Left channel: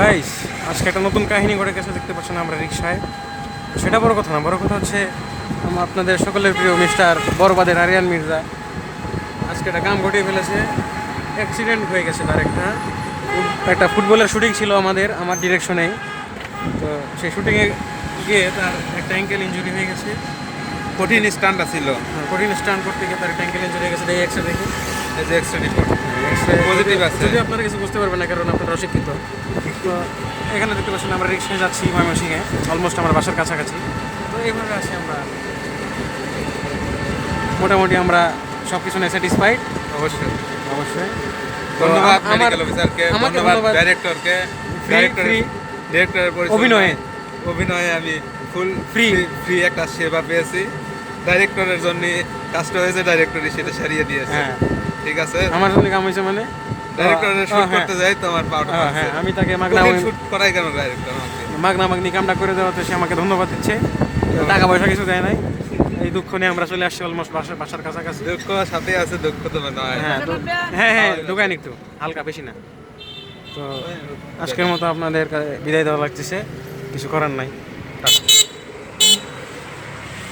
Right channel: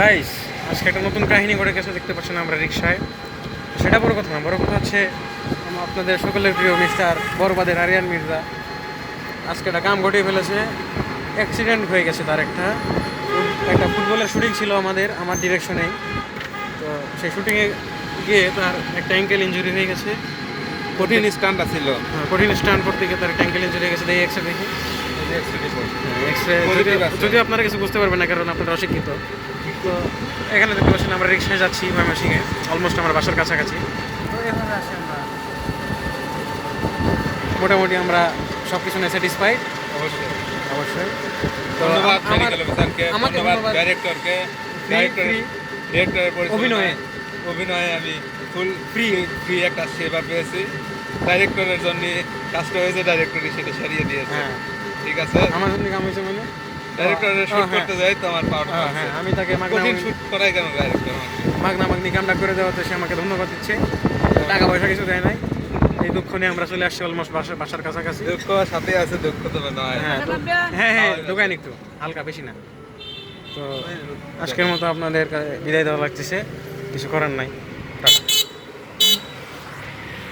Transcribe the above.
Guys, আজকে একটা নতুন কাহিনী ঘটে গেছে, দেখতে পাচ্ছেন আমরা রিক্সায়। সেটা বড় কথা না, বড় কথা হচ্ছে আপনাদের সকলের প্রিয় মিস্টার বরবাদের আরিয়ান মির্জা আজকে একটা কাম ঘটিয়ে ফেলেছে। অ্যাক্সিডেন্ট হয়ে গেছে তার একটা ফুটবলের শুটিং ছিল আমার ডিরেকশনেই। তো সেই শুটিংয়ে গিয়ে তার একটা অ্যাঙ্কেল ইঞ্জুরি হয়ে গেছে। কঠিন স্টান্টটা ছিল। কঠিন স্টান্ট করতে গিয়ে তার একটা অ্যাঙ্কেল ইঞ্জুরি হয়ে গেছে। দেখি এক্সরে দেখি। এই যে এক্সট্রা এক্সরে Positive আছে। যদিও আপনারা কিছু বুঝতে পারবেন না, কারণ আপনারা অশিক্ষিত। তো এখানে দেখতে পাচ্ছেন আমরা রিক্সায় যাচ্ছি ময়মনসিংহে, অলমোস্ট আমার বাসার কাছাকাছি। তো এভাবে আছি আমরা, মোটামুটি আমরা সব কিছু নিয়ে স্যাটিসফাইড। অবশ্যই অবশ্যই। তো ধন্যবাদ আমার মেডিকেল অফিসারকে, আমাকে ধন্যবাদ ডাইরেক্টরকে। ডিরেক্টরের অভিনয়ে আমি ফুল Free। ফ্রি একটা সেবা পেয়েছি। ডাইরেক্টরের জন্য কাজটা হয়েছে, ডাইরেক্টরই সেটা সারিয়ে দিয়েছে। হ্যাঁ, ঠিক আছে, আমার জন্য কাম হয়েছে মানে ডাইরেক্টরের শুট হ্যাঁ, করতে যাই তো আমার পাওয়াটা হ্যাঁ, আমি তাকে কঠিন শুট করাই কেন ডাইরেক্টর আমাকে? মাগনি কামটা করে দেওয়াতে সে আমাকে ধন্যবাদ দিচ্ছে। টাকা পয়সা কিছু দেয় নাই। এই দুঃখ নিয়ে আমরা চলে আসছি অলমোস্ট বাসার কাছাকাছি। দুঃখ সাথে আছে, দুঃখ তো মনে হয়। হ্যাঁ, দোকান একটু হালকা, বেশি না। তো আজকের মতো আপনাদের বিদায় দেওয়া লাগতেছে, কিছু করার নাই। টাটা।